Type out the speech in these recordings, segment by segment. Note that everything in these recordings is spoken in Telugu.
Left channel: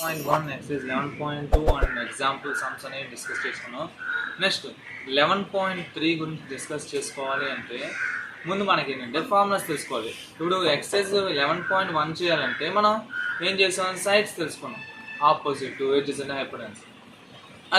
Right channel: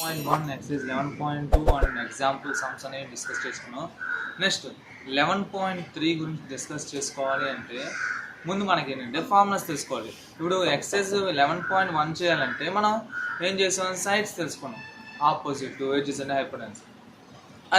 11.1 exercise 11.2 and example sums అనేవి డిస్కస్ చేసుకున్నాం. నెక్స్ట్ 11.3 గురించి డిస్కస్ చేసుకోవాలి అంటే ముందు మనకి ఏంటంటే ఫార్ములాస్ తెలుసుకోవాలి. ఇప్పుడు ఎక్సర్సైజ్ 11.1 చేయాలంటే మనం ఏం చేసాం, సైడ్స్ తెలుసుకున్నాం, ఆపోజిట్, ఎడ్జెస్ అండ్ హైపోటెన్యూస్.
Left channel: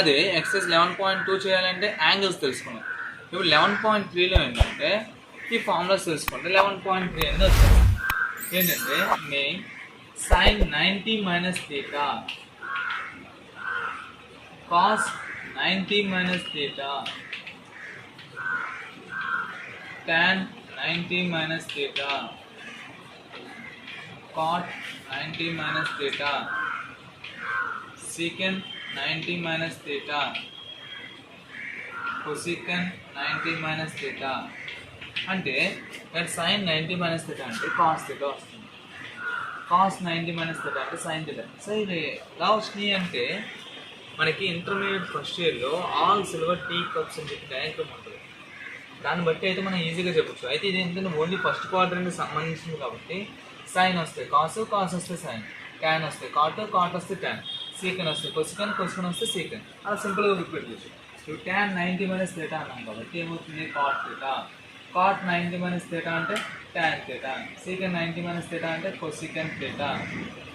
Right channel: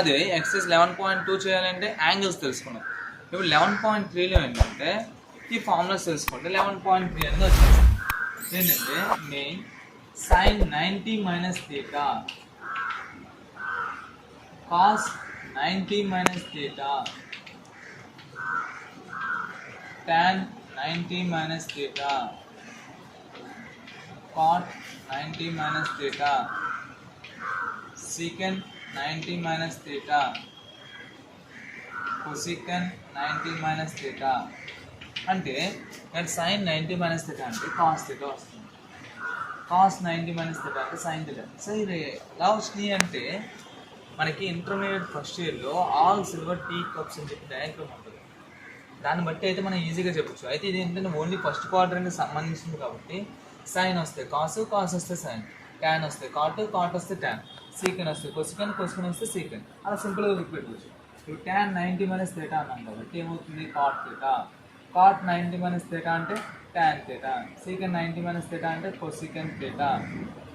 అదే ఎక్సర్సైజ్ 11.2 చేయాలంటే యాంగిల్స్ తెలుసుకున్నాం. ఇప్పుడు 11.3లో ఏంటంటే ఈ ఫార్ములాస్ తెలుసుకుంటే 11.3 అనేది వచ్చేస్తుంది. ఏంటంటే main sin 90 minus theta, cos 90 minus theta, tan 90 minus theta, cot 90 minus theta, secant 90 minus theta, cosecant 90 minus theta. అంటే sin 90 minus theta అంటే cos theta వస్తుంది, cos 90 minus theta అంటే sin theta. సో ఇది ఎలా వచ్చినాయి అంటే మనకి ఇంటర్మీడియట్ ఫస్ట్ ఇయర్లో ఆల్ సిల్వర్ టీ కప్స్ అని చెప్పి డయాగ్రామ్ ఉంటుంది. దాన్ని బట్టి అయితే మనం ఈజీగా చెప్పచ్చు. అయితే ఇది ఏంటంటే ఓన్లీ ఫస్ట్ క్వాడ్రంట్కి సంబంధించింది కాబట్టి సైన్ వస్తే కాసు, కాస్ వస్తే సైన్, ట్యాన్ వస్తే కాటు, కాట్ వస్తే ట్యాన్, సీకెన్ వస్తే కొసికన్, కొసికన్ వస్తే సీకెన్. అలా సింపుల్గా రిపీట్ చేయొచ్చు. ఇప్పుడు ట్యాన్ 90 minus theta అన్నాం కాబట్టి ఏమవుతుంది, cot theta. Cot 90 minus theta అంటే tan theta. secant 90 minus theta అంటే cosecant theta.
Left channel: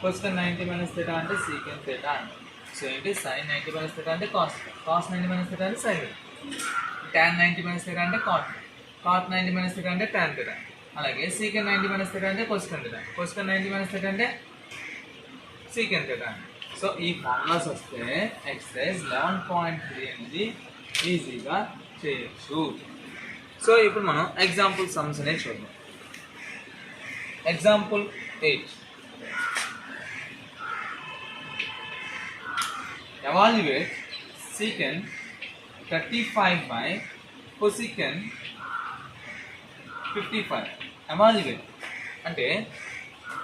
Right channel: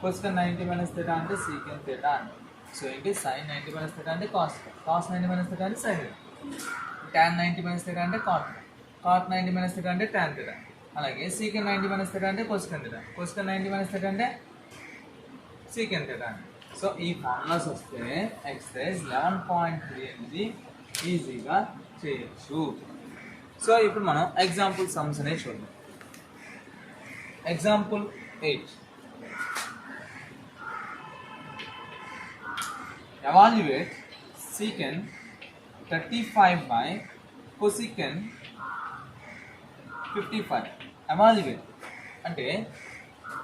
cosecant 90 minus theta అంటే secant theta. సో ఏంటి, sin 90 minus theta అంటే cos, cos 90 minus theta అంటే sin, tan 90 minus theta అంటే cot, cot 90 minus theta అంటే tan theta. అలాగే secant 90 minus theta అంటే cosecant theta, cosecant 90 minus theta అంటే secant theta. సో ఈ ఫార్ములాస్ వస్తే ఎక్సర్సైజ్ 11.3 అనేది ఈజీగా చేయొచ్చు. సో ఇప్పుడు మనం ఎగ్జాంపుల్ సమ్స్ అనేది చూద్దాం. Example 8. Evaluate secant 35 by cosecant 55. Evaluate అంటే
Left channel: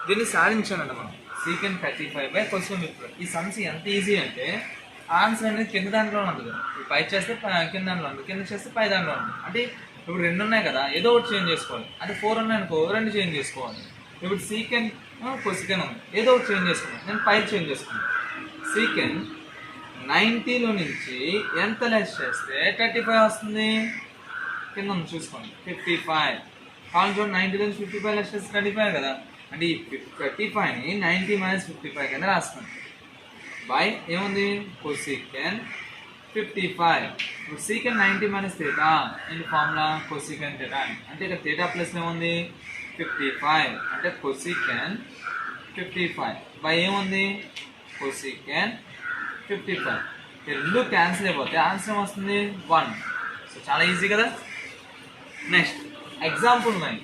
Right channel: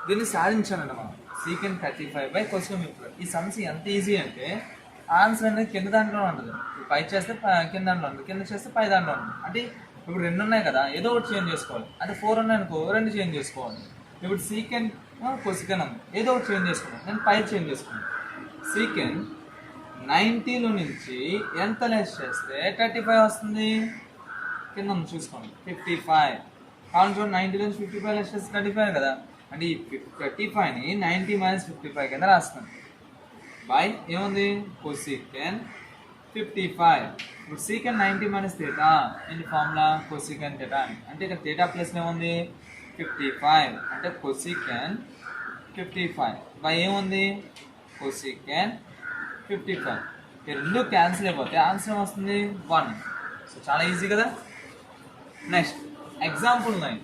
దీన్ని సాధించాలండి మనం. secant 35 by cosecant 55. ఈ సమ్స్ ఎంత ఈజీ అంటే ఆన్సర్ అనేది కింద దాంట్లో ఉంటుంది. పై చేస్తే కింద దాంట్లో ఉంటుంది, కింద చేస్తే పై దాంట్లో ఉంటుంది. అంటే ఇప్పుడు 2 ఉన్నాయి కదా, ఏదో ఒకటి చేంజ్ చేసుకోవాలి. అంటే 4 ఉన్నాయి అనుకో, 2 చేంజ్ చేసుకోవాలి. ఇప్పుడు సీకెంట్ కొసికెన్ ఉంది, ఏదో ఒకటి చేంజ్ చేసుకున్నాను, నేను పై చేంజ్ చేసుకున్నాను. సీకెంట్ 90లో నుంచి ఎంత లెస్ చేస్తే 35 వస్తుంది, కింద చూసుకోండి 55. కావాలి చూడండి, 90లో నుంచి 55 లెస్ చేస్తే 35 కదా. అంటే ఈ 35ని 90 minus 55 కింద రాస్తున్నాను. బై ఏముంది, కొసికెన్ 55. ఇప్పుడు secant 90 minus theta in formula cosecant theta. అంటే ఇక్కడ theta ప్లస్ ఏముంది, 55 అంటే కొసికెన్ 55 బై ఏముంది, కొసికెన్ 55. ఈ రెండు క్యాన్సిల్ అయిపోతే ఆన్సర్ ఏమొస్తుంది, 1. సో చాలా ఈజీ కదా. Next example 9.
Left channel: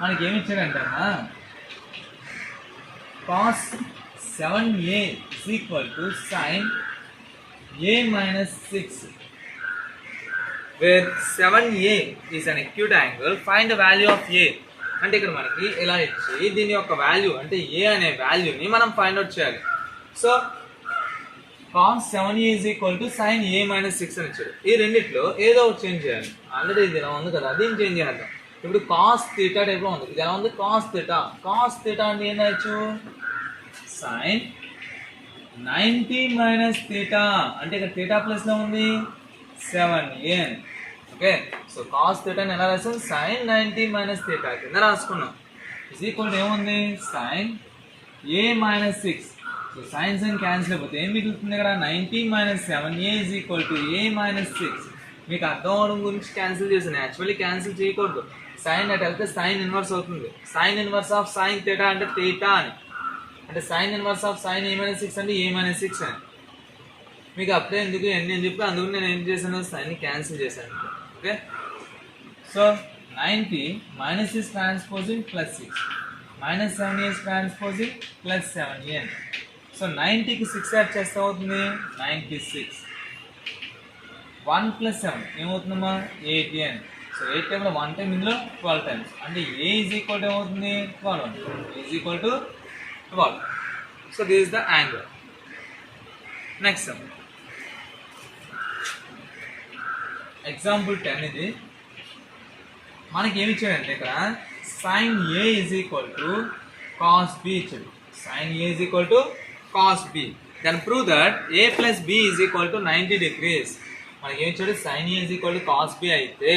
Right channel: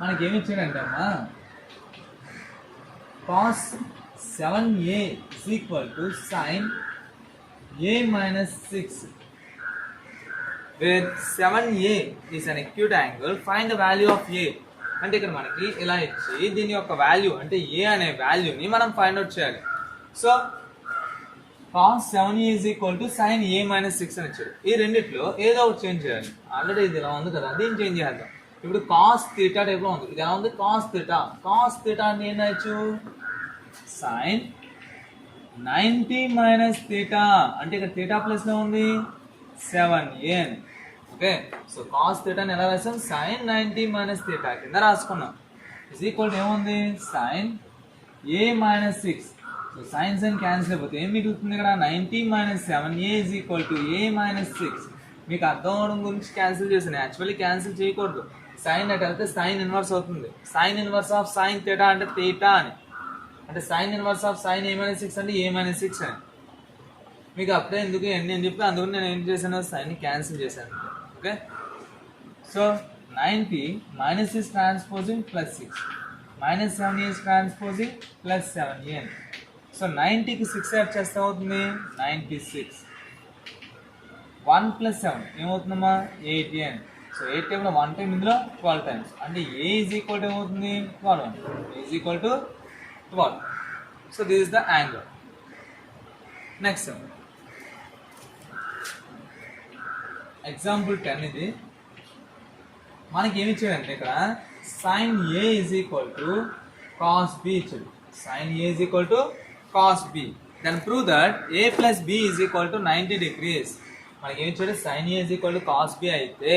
మనకి ఏమి ఇచ్చారంటే అమ్మా, cos 7a is equal to sin a minus 6, where 7a is an acute angle, find the value of a. అంటే ఇక్కడ మనకి ఇలా ఇచ్చి దీని యొక్క వాల్యూ అంటే a అనే వాల్యూని మనం ఫైండ్ అవుట్ చేయాలి. So cos 7a is equal to sin a minus 6 అని ఇచ్చారు. ఈ రెండిట్లో ఏదో ఒకటి చేంజ్ చేయాలి. ఆల్రెడీ ఇది ఇలా ఉంది కదా, దీన్ని చేంజ్ చేయాలి. ఇప్పుడు cos theta టైప్లో ఉంది, ఇది ఎలా ఉంది, cos theta. cos theta అంటే ఏం రాయొచ్చు, sin 90 minus theta. అంటే ఇక్కడ theta ప్లస్లో ఉంది 7a. Okay, so cos theta ఎలా రాసాం, sin 90 minus theta కింద రాసుకున్నాం. ఇస్ ఈక్వల్ ఏముంది, sin a minus 6. So science అని క్యాన్సిల్ అయిపోతే ఏం మిగులుతుంది ఇక్కడ, 90 minus 7a is equal to a minus 6. మీకు అర్థం అవడం గురించి క్యాన్సిల్ చేసాను. యాక్చువల్లీ క్యాన్సిల్ చేయకూడదు. సైన్ అటు వెళ్తే సైన్ ఇన్వర్స్ అవుతుంది. Sine inverse of sine theta అంటే థీటా అని, అంటే sine inverse of sine a minus 6 అంటే a minus 6 అని. మీకు అప్పుడే ఎందుకు ఎన్ని అని చెప్పి అందుకు నేను ఏం చేశాను, సైన్ని క్యాన్సిల్ చేశాను. Okay, so 90 minus is transposing plus 6 minus 7 is transposing plus 7a. So 90కి 6 యాడ్ చేస్తే అవుతుంది 96. 1 plus 7 ఏమవుతుందమ్మా, 18. సో 8 టైంలో 1 టైం, ఇందులో 12 టైమ్స్. అంటే a is equal to ఏమవుతుంది, 12. a is equal to 12. So this is the angle. Next example 10 ఇది. మనకి ఏమి ఇచ్చాడంటే ఇక్కడ sin A is equal to cos B ఇచ్చాడు. sin A is equal to cos B. Then prove that A plus B is equal to 90 degrees. మనకి ఏమి ఇచ్చాడు? sin A is equal to cos B అయితే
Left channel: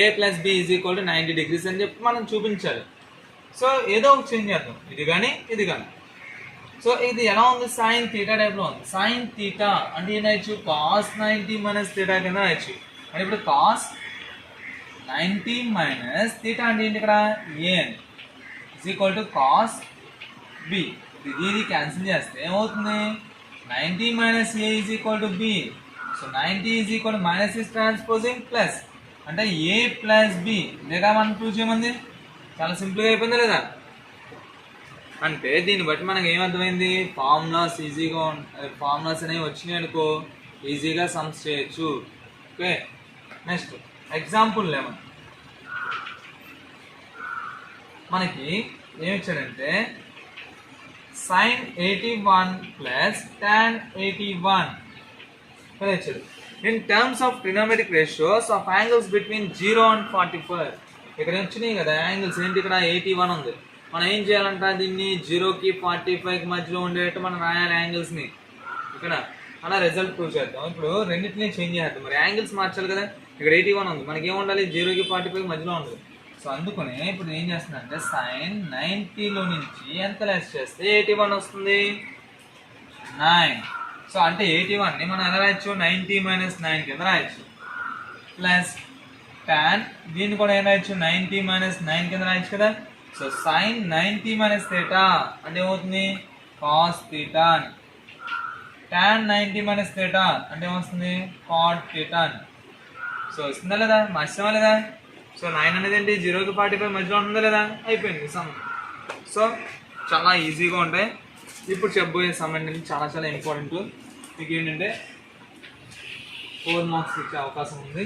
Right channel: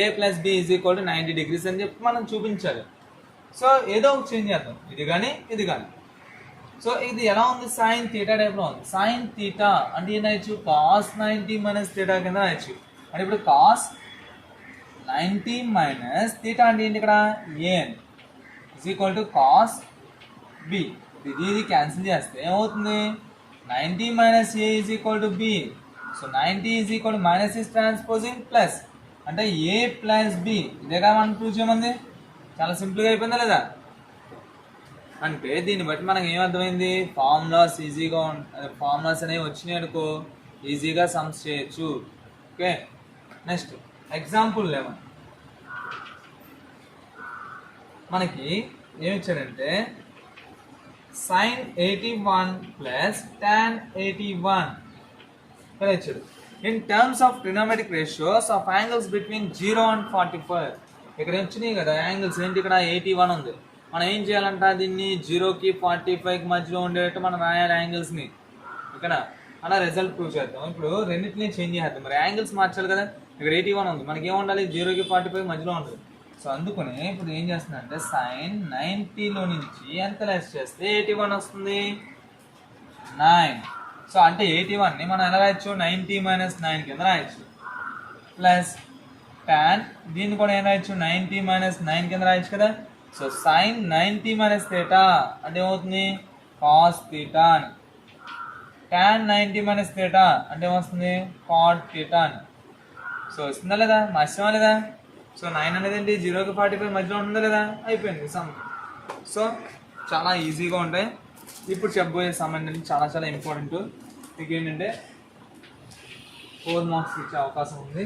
A plus B is equal to 90 degrees అని చెప్పి మనం చూపించాలి. సో ఏదో ఒక చేంజ్ చేద్దాం, ఇది కానీ ఇది కానీ. సో ఇది ఎలా ఉంది? sin theta టైప్లో ఉంది. sin theta అంటే ఏం రాయొచ్చు? cos 90 minus theta కింద రాయొచ్చు. అంటే ఇప్పుడు cos 90 minus theta అంటే ఏంటి? ఇక్కడ A is equal to cos B. ఇది క్యాన్సిల్ చేస్తే ఏమవుతుంది? 90 minus A is equal to B. So 90 is equal to minus is transposing plus అంటే A plus B. ఇదేగా మనం ప్రూవ్ చేయమంది. చాలా సింపుల్గా అయిపోయిందా లేదా? అంటే దీన్ని బట్టి మనకు ఏమర్థమైంది? ఫార్ములాస్ ఈజీగా ఫార్ములాస్ అనేవి వచ్చినాయి అనుకో, ఈజీగా సమ్స్ చేయొచ్చు. Okay, next example 11. మనకి ఏమి ఇచ్చాడంటే sin 81 plus tan 81 ఇలా ఇచ్చాడు. In terms of trigonometric ratios of angles between 0 and 45. ఇక్కడ వచ్చినాయి కదా యాంగిల్స్, ఏంటి? ఇక్కడ 81 ఉంది. మనం ఏం చేయాలంట? దీన్ని 0కి 45కి మధ్యలో ఉండేటట్టు మనం రాయాలి యాంగిల్స్ని. ఇక్కడ అలా రిజల్ట్ ప్రూవ్ చేద్దాం. ఇప్పుడు రెండింటినీ చేంజ్ చేద్దాం. మరి యాంగిల్స్ మార్చాలి కదా. ఇక్కడ 81 ఉంది, మనకి ఏముండాలి? 0కి 45 మధ్యలో ఉండదు. సో అందుకనే ఇప్పుడు ఏం చేస్తుందంటే sin 90లో నుంచి ఎంత లెస్ చేస్తే 81 వస్తుంది? 9. సో అంటే 81ని మనం ఎలా రాయొచ్చు? 90 minus 9 కింద రాయొచ్చు. ప్లస్ tan దీన్ని కూడా ఏం రాయొచ్చు? 90 minus 9 కింద రాయొచ్చు కదా. సో sin 90 minus theta అంటే ఏమవుతుంది? cos theta అని. tan 90 minus theta అంటే ఏమొస్తుంది? cot theta అని. సో వస్తుందా లేదా? మార్చామా లేదా? సో 9 అనేది ఏంటి? 0కి 45 మధ్యలో ఉంటుందా లేదా? అయిపోయింది సమ్. సో చాలా ఈజీగా ఉంటాయి. ఇప్పుడు చెప్పబోయే సమ్ అంటే చాలా చాలా ఇంపార్టెంట్. మీకు ఏంటంటే 4 మార్క్స్ ఇచ్చే అవకాశం ఉంది.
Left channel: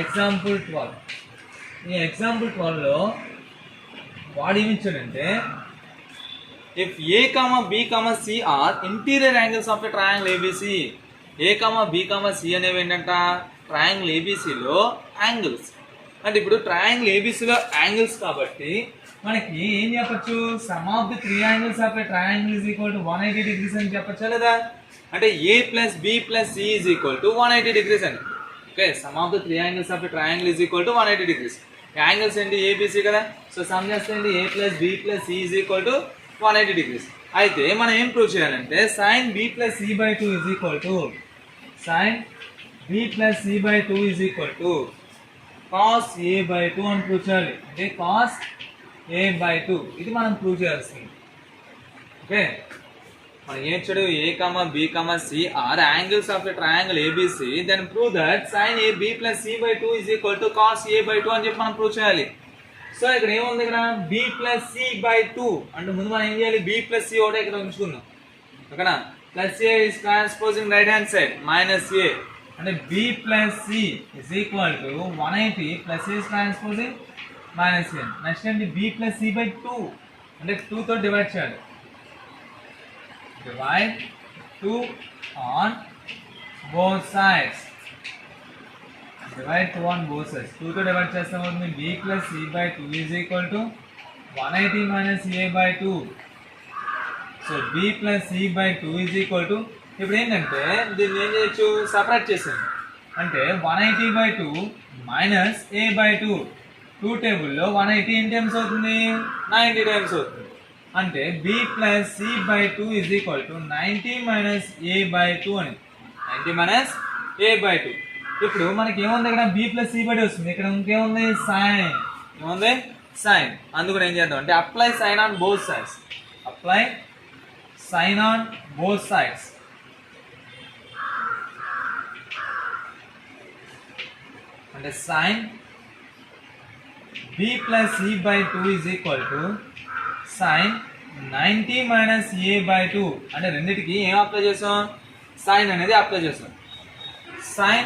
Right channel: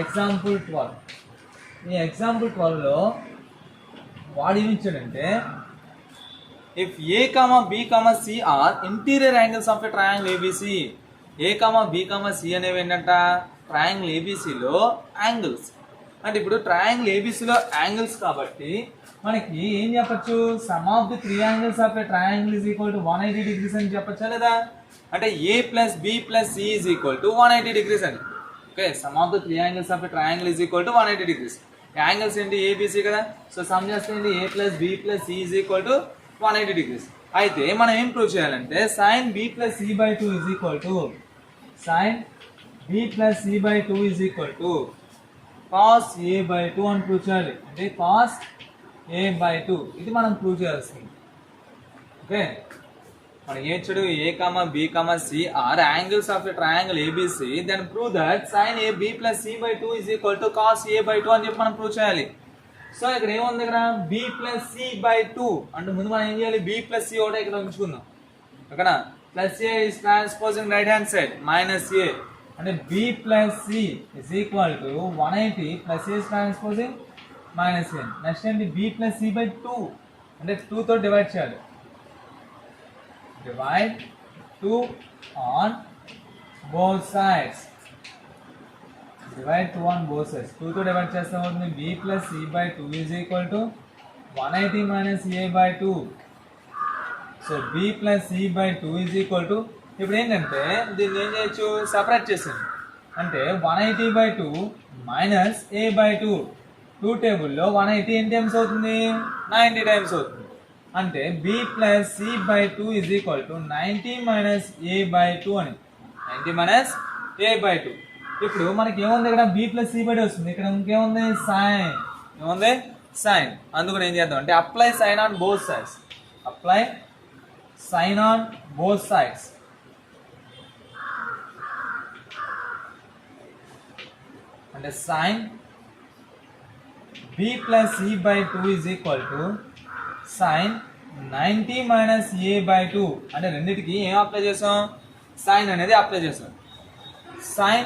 ఎగ్జాంపుల్ 12. ఈ ఎగ్జాంపుల్ 12లో వాడు ఏమిచ్చాడంటే if A, B, C are interior angles of a triangle ABC. A, B, C అనేవి ఏంటంట? ట్రయాంగిల్ ఏబీసీలో యాంగిల్స్. అంటే ఇప్పుడు ట్రయాంగిల్ ఏబీసీలో యాంగిల్స్ కాబట్టి మనకి ఏం చెప్పచ్చు? Sum of the 3 angles of a triangle is equal to 180 degrees అని చెప్పచ్చా లేదా? అంటే A plus B plus C is equal to 180 degrees అని. Okay, some of the 3 angles of a triangle is equal to 180 degrees. Angles ఏంటి? ఏబీసీ కదా. సో సమ్ చేస్తే ఏంటి? A plus B plus C is equal to 180 degrees. అయితే మనం ఏం ప్రూవ్ చేయాలంటే sin B plus C by 2 is equal to sin B plus C by 2 is equal to cos A by 2 అని ప్రూవ్ చేయాలి. అంటే cos A by 2 ఇది మనం ప్రూవ్ చేయాల్సింది. ఓకే, మనం ఏం చూడు? A, B, C are angles of a triangle ABC. Then prove that sin A B plus C by 2 is equal to cos A by 2 అని చెప్పి మనం ప్రూవ్ చేయాలి. సో ఇక్కడ ఏముంది? ఇక్కడ B plus C by 2 అంటే ముందు మనం ఏం చేయాలి? B plus C ఒకటే ఇక్కడ ఉంచుకుందాం. ఓకేనా? Plus A is transposing right hand side minus A అంటే B plus C is equal to 180 plus A is transposing minus A. Next ఏంటి? B plus C by 2 అంటే 2 తో డివైడ్ చేయాలి. Divide 2 on both sides. Divide 2 on both sides. 2 తో డివైడ్ చేస్తే ఏమవుతుంది? B plus C by 2 is equal to 180 minus A by 2. So B plus C by 2 is equal to ఇప్పుడు ఏంటంటే దీన్ని ఏం చేయొచ్చు? సపరేట్ చేసాను. అంటే 180 by 2 మైనస్ A by 2. 2 టేబుల్లో 180 ఎన్ని టైమ్స్ అవుతుంది? 90 టైమ్స్ అవుతుంది. అంటే B plus C by 2 is equal to 90 minus A by 2 అని. 90 minus A by 2. ఇప్పుడు మనకి ఏముంది? ఇక్కడ B plus C by 2 వస్తుంది. ఇక్కడ ఇంకేముంది? సైన్. ఏముంది? సైన్. అందుకని ఏం చేద్దాం అంటే apply sine on both sides. Apply sine on both sides. అంటే sin B plus C by 2 is equal to sin 90 minus A by 2. అంటే రెండిటికి ఏం అప్లై చేసాం? sin అనేది అప్లై చేసాం. sin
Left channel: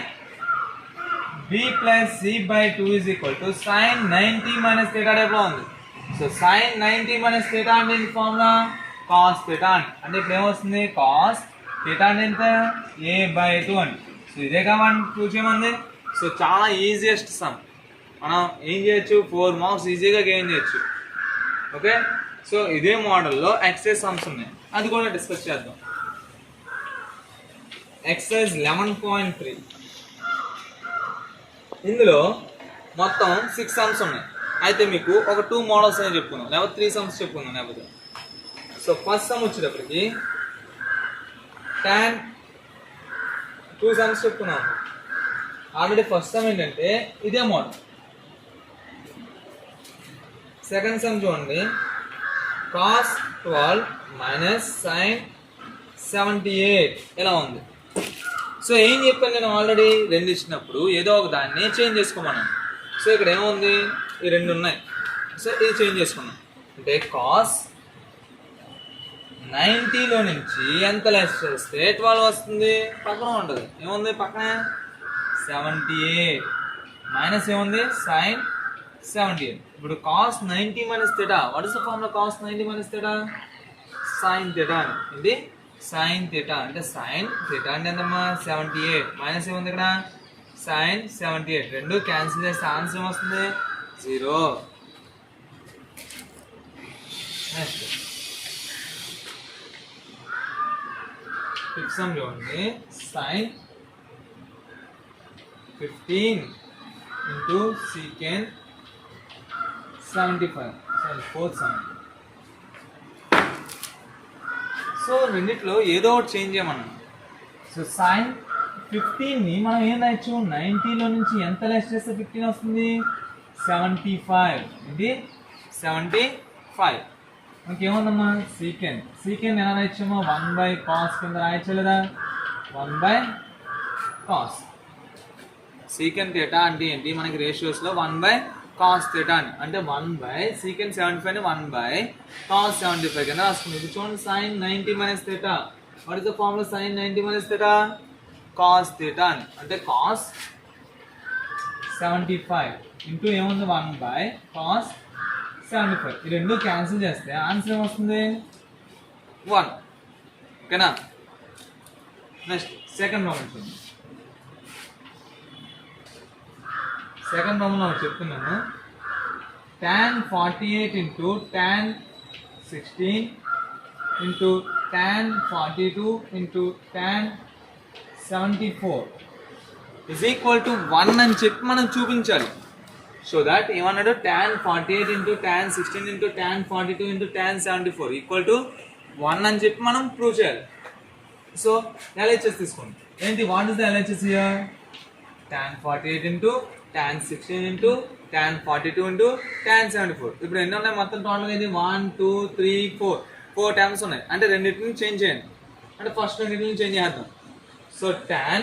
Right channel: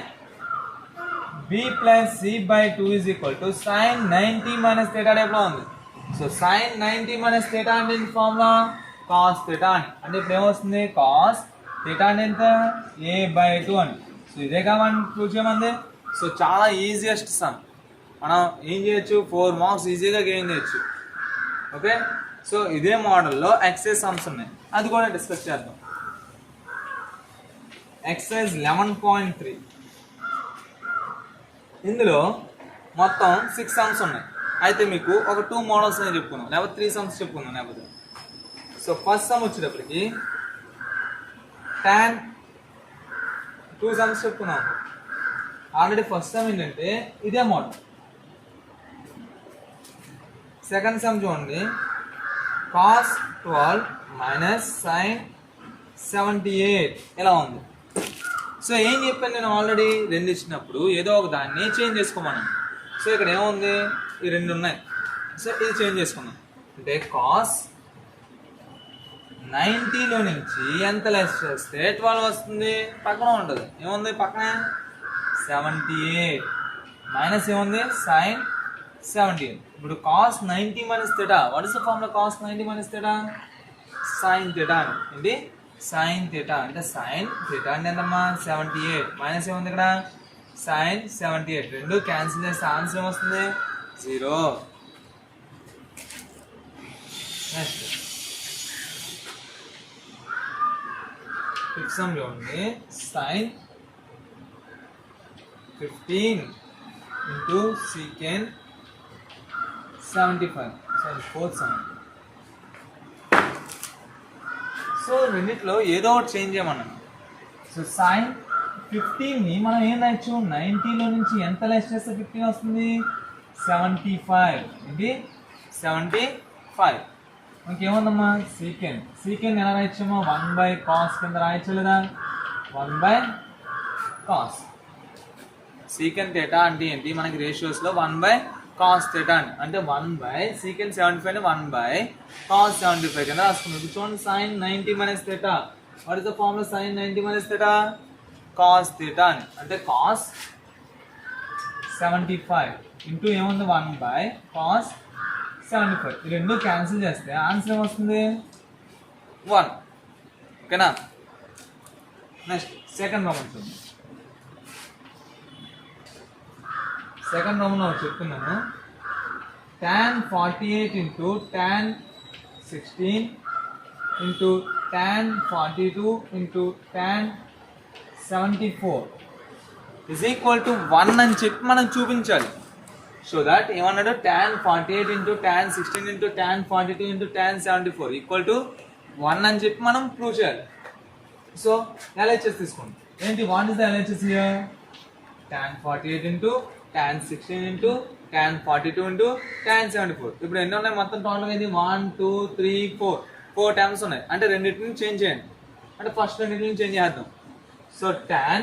B plus C by 2 is equal to sin 90 minus theta టైప్లో ఉంది. సో sin 90 minus theta అంటే ఏంటి? ఫార్ములా cos theta అని. అంటే ఇప్పుడు ఏమొస్తుంది? cos theta అంటే ఎంత? A by 2 అని. సో ఇదే కావాలి ప్రూవ్ చేయమంది. సో చాలా ఈజియెస్ట్ సమ్. మనం ఏం చేయొచ్చు 4 మార్క్స్ ఈజీగా గెయిన్ చేయొచ్చు. ఓకే, సో ఇదే మోడల్లో ఎక్సర్సైజ్ సమ్స్ ఉన్నాయి, అది కూడా డిస్కస్ చేద్దాం. ఎక్సర్సైజ్ 11.3 ఇందులో మొత్తం 6 సమ్స్ ఉన్నాయి. అయితే మీకు ఒక 2 మోడల్స్ అని చెప్పుకున్నాం, లేకపోతే 3 సమ్స్ చెప్పుకున్నాం లేకపోతే. సో ఫస్ట్ సమ్ వచ్చేటప్పటికి tan 2 సమ్స్ చెప్పుకున్నాం ఆల్రెడీ. ఫస్ట్ సమ్ ఏంటంటే ఇదే మోడల్. సెకండ్ సమ్ చూడండి, cos 12 మైనస్ sin 78 ఇలా ఉంది. సో ఏం చెప్పాను నేను ఆల్రెడీ, 2 ఇచ్చినప్పుడు ఏదో ఒక దాన్ని చేంజ్ చేసుకోమన్నాను. సో ఇక్కడ ఏముంది, ఈ 2 ఉన్నాయి. సో ఇది చేంజ్ చేసుకున్నాం అంటే cos 90లో నుంచి ఎంత లెస్ చేస్తే 12 వస్తుంది, పక్కన ఉంటుంది. ఏముంది పక్కనే 78 మైనస్ ఏముంది sin 78. ఇప్పుడు cos 90 minus theta, what is the formula cos 90 minus theta? sin theta. ఏంటి sin theta అంటే sin theta అంటే ఎంతమ్మా 78 మైనస్ ఏముంది ఇక్కడ sin 78. రెండు క్యాన్సిల్ చేస్తే ఆన్సర్ ఏమొస్తుంది 0. నెక్స్ట్ ఫిఫ్త్ సమ్ చూడండి, sin 15 into secant 75. Sorry fourth sum. So రెండిట్లో ఏదో ఒకటి చేంజ్ చేయమన్నాను. సో sin 15ని మనం ఏం రాయొచ్చు, 90లో నుంచి ఎంత లెస్ చేస్తే 15 వస్తుంది 75. ఇది 75. ఇంకేముందమ్మా సీకెండ్ ఎలా రాయొచ్చామో 1/cos కింద రాయొచ్చు లేదా, 1/cos. సీకెండ్ థీటా అంటే ఏంటి, మనకి రేషియోస్లో 1/cos థీటా అంటే 1/secant 75ని 1/cos 75 కింద రాసుకుంది. ఇప్పుడు చూడండి sin 90 minus theta, what is the formula sin 90 minus theta? cos theta అంటే cos 75 ఇంటూ ఏముంది 1/cos 75. ఈ రెండు క్యాన్సిల్ చేస్తే ఆన్సర్ ఏమొస్తుంది 1. ఓకేనా. నెక్స్ట్ సెకండ్ ప్రాబ్లం చూడండి. సెకండ్ ప్రాబ్లం చెప్తున్నాను, tan 48 into tan 16 into tan 42 into tan 74 is equal to 1 అని చెప్పి మనం చూపించాలి. సో దట్ ఏమన్నాడు, tan 48 into tan 16 into tan 42 into tan 74 equal to 1 అని చెప్పి మనం ప్రూవ్ చేయాలి. సో LHS తీసుకోండి. ఏంటి, what is the LHS here? tan 48 into tan 16 into tan 42 into tan 74. ఇప్పుడు ఎన్ని ఉన్నాయి మొత్తం టోటల్గా? ఇది 1 2 3 4 టర్మ్స్ ఉన్నాయి. అంటే రెండింటిని చేంజ్ చేయండి, అంటే ఫస్ట్ రెండింటిని చేంజ్ చేద్దాం. సో tan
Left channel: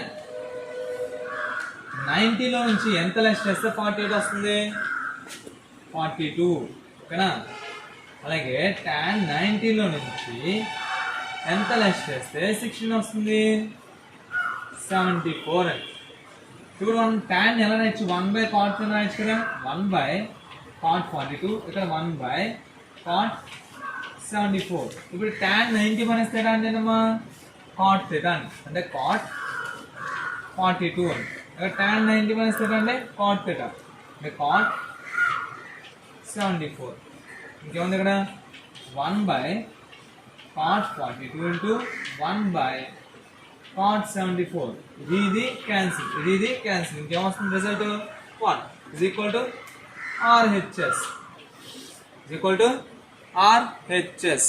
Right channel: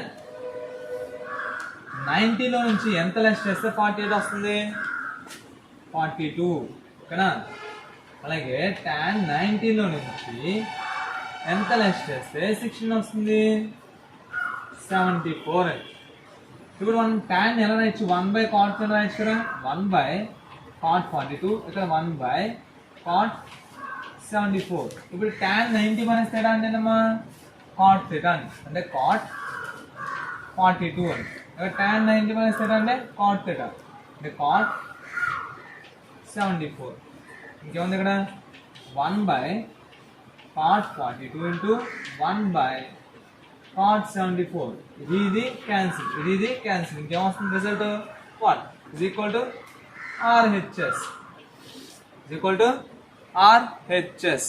90లో నుంచి ఎంత లెస్ చేస్తే 48 వస్తుంది 42. ఓకేనా. అలాగే tan 90లో నుంచి ఎంత లెస్ చేస్తే 16 వస్తుంది 74 అని. ఇప్పుడు మనం tan ఎలా రాయొచ్చు, 1/cot కింద రాయొచ్చు కదా, 1/cot 42, ఇక్కడ 1/cot 74. ఇప్పుడు tan 90 మైనస్ థీటా అంటే ఏంటమ్మా cot థీటా అని, అంటే cot 42 అని. ఇక్కడ tan 90 మైనస్ థీటా అంటే cot థీటా అంటే cot 74. ఇంకేముంది ఇక్కడ 1/cot 42 ఇంటూ 1/cot 74. ఇది క్యాన్సిల్, ఇది క్యాన్సిల్. ఇంకేమొస్తుంది result 1 is equal to RHS.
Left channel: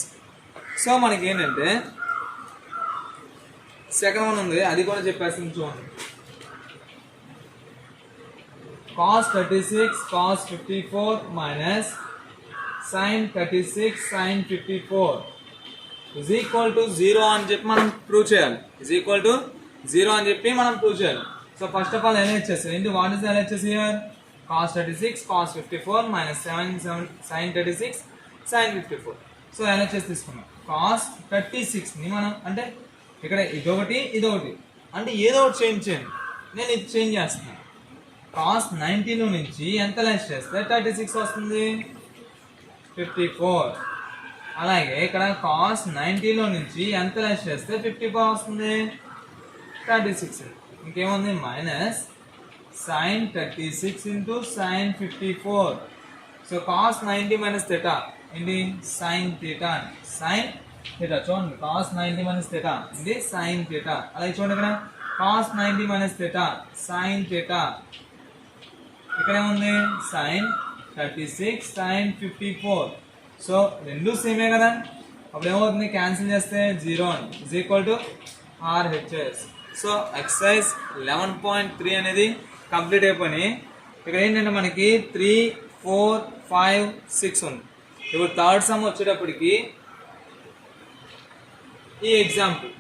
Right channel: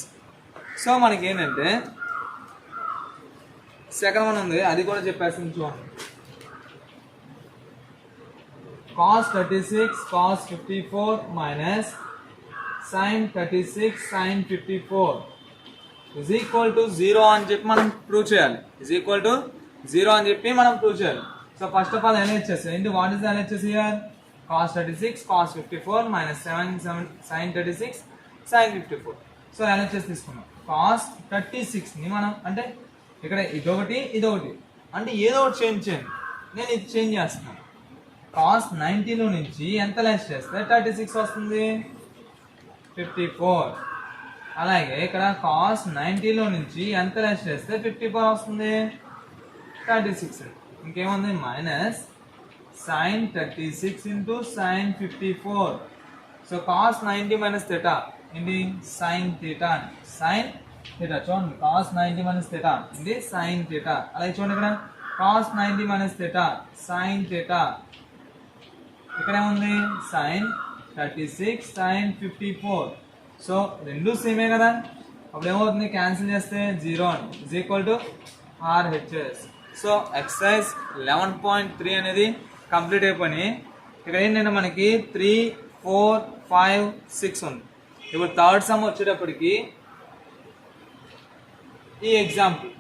So మనకి ఏంటంటే సెకండ్ వన్ ఉంది, అది కూడా చెప్పేస్తాను చూడండి. cos 36 cos 54 minus sin 36 sin 54 is equal to 0 అని చెప్పి మనం ప్రూవ్ చేయాలి. is equal to 0 అని చెప్పి మనం ప్రూవ్ చేయాలి. So first of all LHS ఏంటి, what is the LHS here? cos 36 cos 54 minus sin 36 sin 54. So LHS తీసుకున్నాం. cos 36ని మనం అంటే ఇక్కడ ఇదొకటి అంటే ఏదో ఒకటి చేంజ్ చేయండి. నేను ఇది చేంజ్ చేస్తున్నాను. cos 90లో నుంచి ఎంత లెస్ చేస్తే 36 వస్తుంది 54. అలాగే ఇక్కడ cos 90లో నుంచి ఎంత లెస్ చేస్తే 54 వస్తుంది 36. ఇంకేముంది minus sin 36 into sin 54. So cos 90 minus theta ఇది sin theta, sin theta చూడండి, cos 90 minus theta ఇది sin theta. అలాగే చూడండి ఇక్కడ cos 90 minus theta sin theta, ఇక్కడ ఏముంది sin 36 sin 54. సో రెండు సేమే కదా, అప్పుడు ఏమవుతుంది క్యాన్సిల్ చేస్తే 0 is equal to RHS. So exercise 11.3 అనేది కంప్లీట్ అయిపోయి ఇక్కడ ఏంటంటే మనకి 3, 4, 5, 6 ఉంది. ఇప్పుడు థర్డ్ సమ్ వచ్చేటప్పటికి ఈ ఎగ్జాంపుల్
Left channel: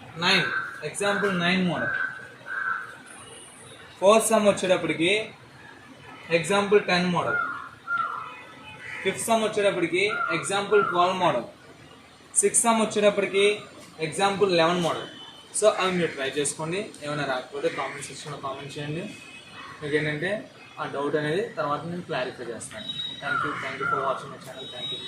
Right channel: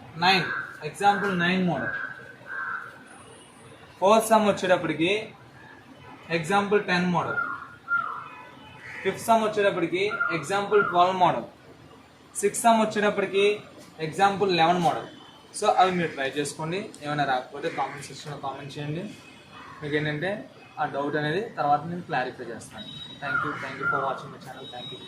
9 మోడల్. ఫోర్త్ సమ్ వచ్చేటప్పటికి ఎగ్జాంపుల్ 10 మోడల్. ఫిఫ్త్ సమ్ వచ్చేటప్పటికి ఎగ్జాంపుల్ 12 మోడల్. సిక్స్త్ సమ్ వచ్చేటప్పటికి ఎగ్జాంపుల్ 11 మోడల్. సో అవి మీరు ట్రై చేసుకోండి, ఏమైనా రాకపోతే కామెంట్ సెక్షన్లో కామెంట్ చేయండి. మీకు ఏంటంటే ఆ డౌట్ అనేది తర్వాత నేను క్లారిఫై చేస్తాను. Thank you for watching my channel. Thank you.